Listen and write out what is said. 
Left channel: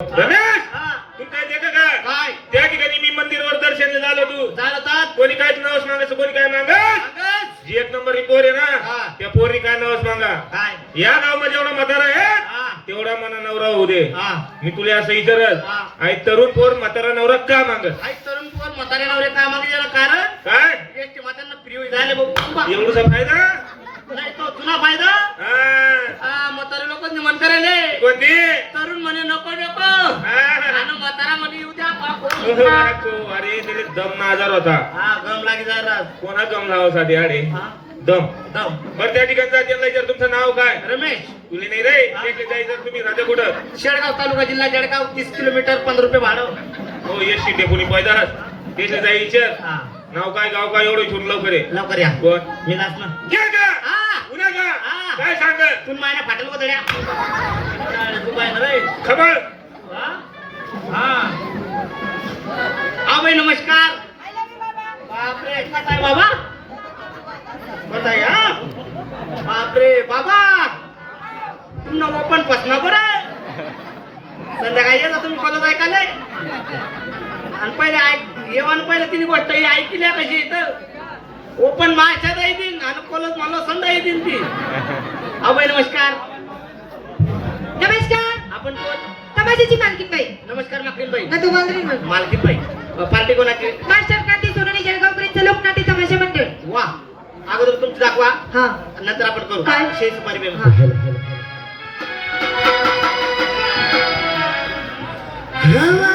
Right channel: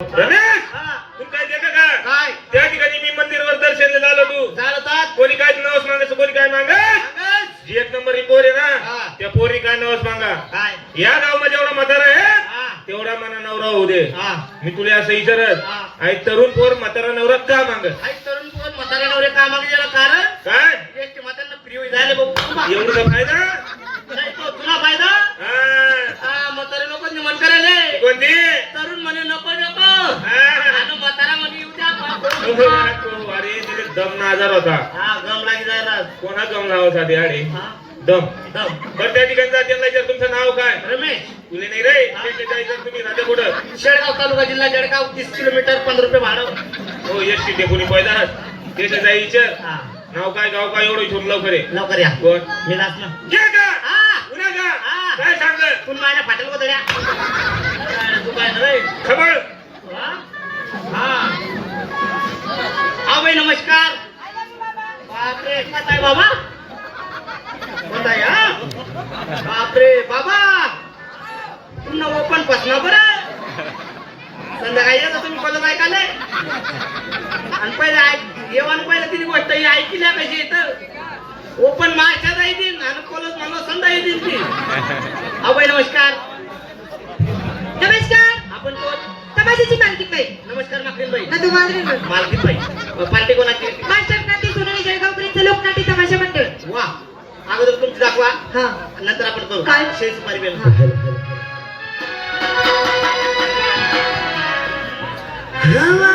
रमेश हा. तू काय देतं का काय त्या ठिकाणी मी मंदिरवर दर्शनला झालो तू चालतात कोणी काय नवस मागायचं कोणी काय मागत सांगच. जी एक नंबर ही पोर आहे हा. ना त्या पोरी काय नवस मागा काय या गावामध्ये जेवढा म्हातारा आहे हा. तेवढा मना नवरा होऊ दे हा. मी तुला असं विचारत हा. आई तरुण पोर म्हातारा नवरा का मागत आई तरुण पोर म्हाताऱ्या नवरे का मागे गेला कारण काय एसटी म्हाताऱ्यांना फ्री झाले भाऊ तुला एवढं फायदा नाही तो तुला फायदा हा. हा म्हातारे लोक मन करायले कोणती तरुण म्हणे नको नको हा. आणि म्हातारा म्हणे येऊ द्या अरे तिथे दम ना आजार होता हा गम लागी जायला कोणा गम लावासाठी अरे हा दम दम बरं त्या ठिकाणी त्यांना विचार तुमचं नाव काय रमेश तुले नाही रे तिथे जायचं तुम्ही राहते कुठं शेळगाव तालुका जिल्हा जळगाव 30 किलोमीटर 15 रुपये भाडं हो एसटी डेपोनी पैदा तिथे जाय विचार हा नाव काय गाव काय एवढं छोट लवकर आहे लवकर या कोण मी नाच ना घे का हा पुन्हा का हा. काय सांग तू माझ्या फाटेल कोतड्या तू काय ना रे खबर हा हा बाई नमस्कार बापरे कसा आहे बाबा कसा आहे हा बापरे बाबा पुन्हा ओपन पसना बरं संध्याकाळी येता तुम्ही कॉलेज ऐकायला आणि पहिले ऐक येवान पहिले तिने गोष्ट ही ऐकल्या कशी इथं ओपन माशात येतील आणि कॉलेज मला संध्या येतील ती बाई नमस्कार नमस्कार आपण कोण तमाशाची मालकी बाई नमस्कार माकरीन बाई ना तुम्हाला मालकीन बाई पार्टी कोणाची मास्टर नाट्य सोनवणे जळगाव पर्यंत लोकनाट्य तमाशा मंडळ वा अगोदर तुमची दाखवा हा नंतर आपण करू काय? शेष सुपारी बेन हा. हवा